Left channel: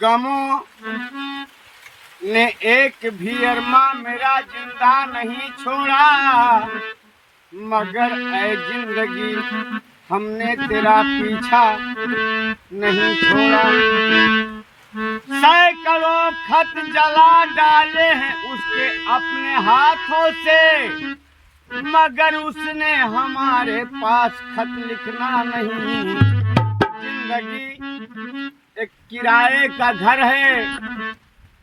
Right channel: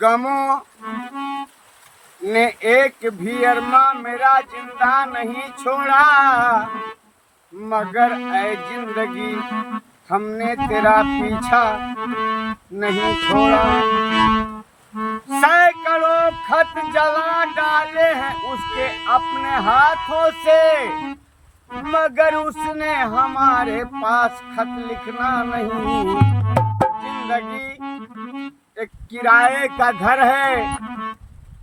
गमों ने एक भी अरमा मेरा जिंदा नहीं छोड़ा, मगर ऐ जिंदगी हमने तेरा पीछा नहीं छोड़ा। सैकड़ों खत जला डाले हैं उसके अपने हाथों से, मगर उसने हमारे पास खत लिखना नहीं। जिंदगी एक किराए का घर है,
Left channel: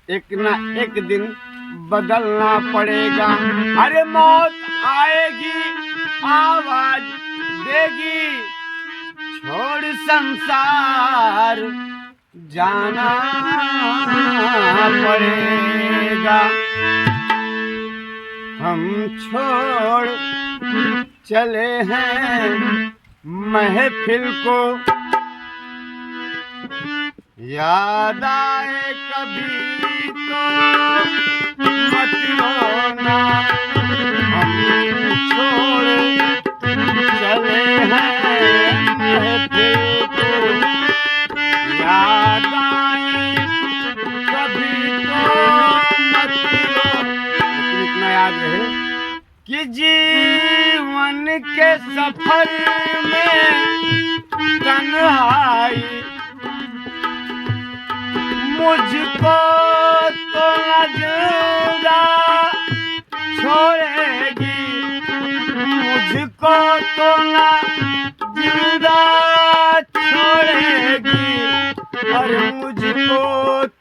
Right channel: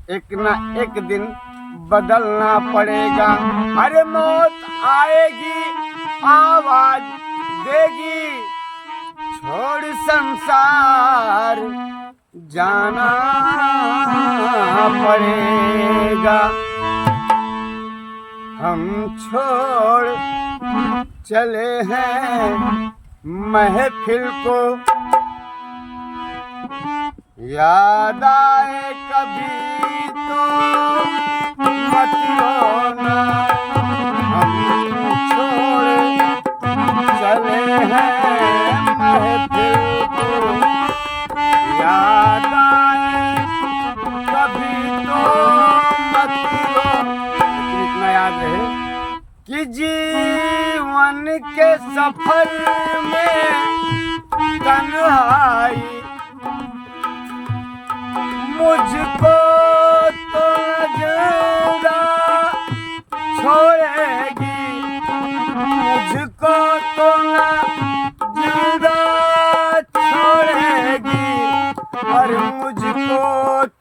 एक न एक दिन बदलना पड़ेगा। अरे मौत आएगी आवाज देगी, छोड़ संसार जाना पड़ेगा। हम छोड़ चले हैं महफिल को, याद आए कभी तो मत रोना। हम छोड़ चले हैं महफिल को, याद आए कभी तो मत रोना। इतना याद रहे कि जीवन के सफर में तन्हाई मुझको तो जिंदा छोड़ेगी, मुझको तो जिंदा छोड़ेगी, और मुझको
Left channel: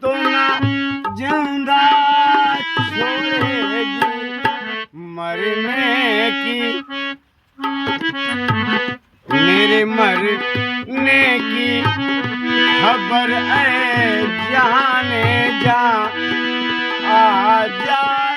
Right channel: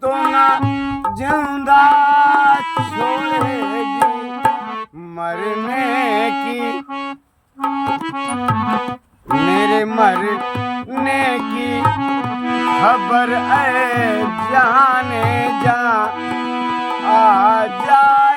तो जिंदा छोड़ेगी। मरने की मेरे मरने की खबर है, जाने जा आ जा।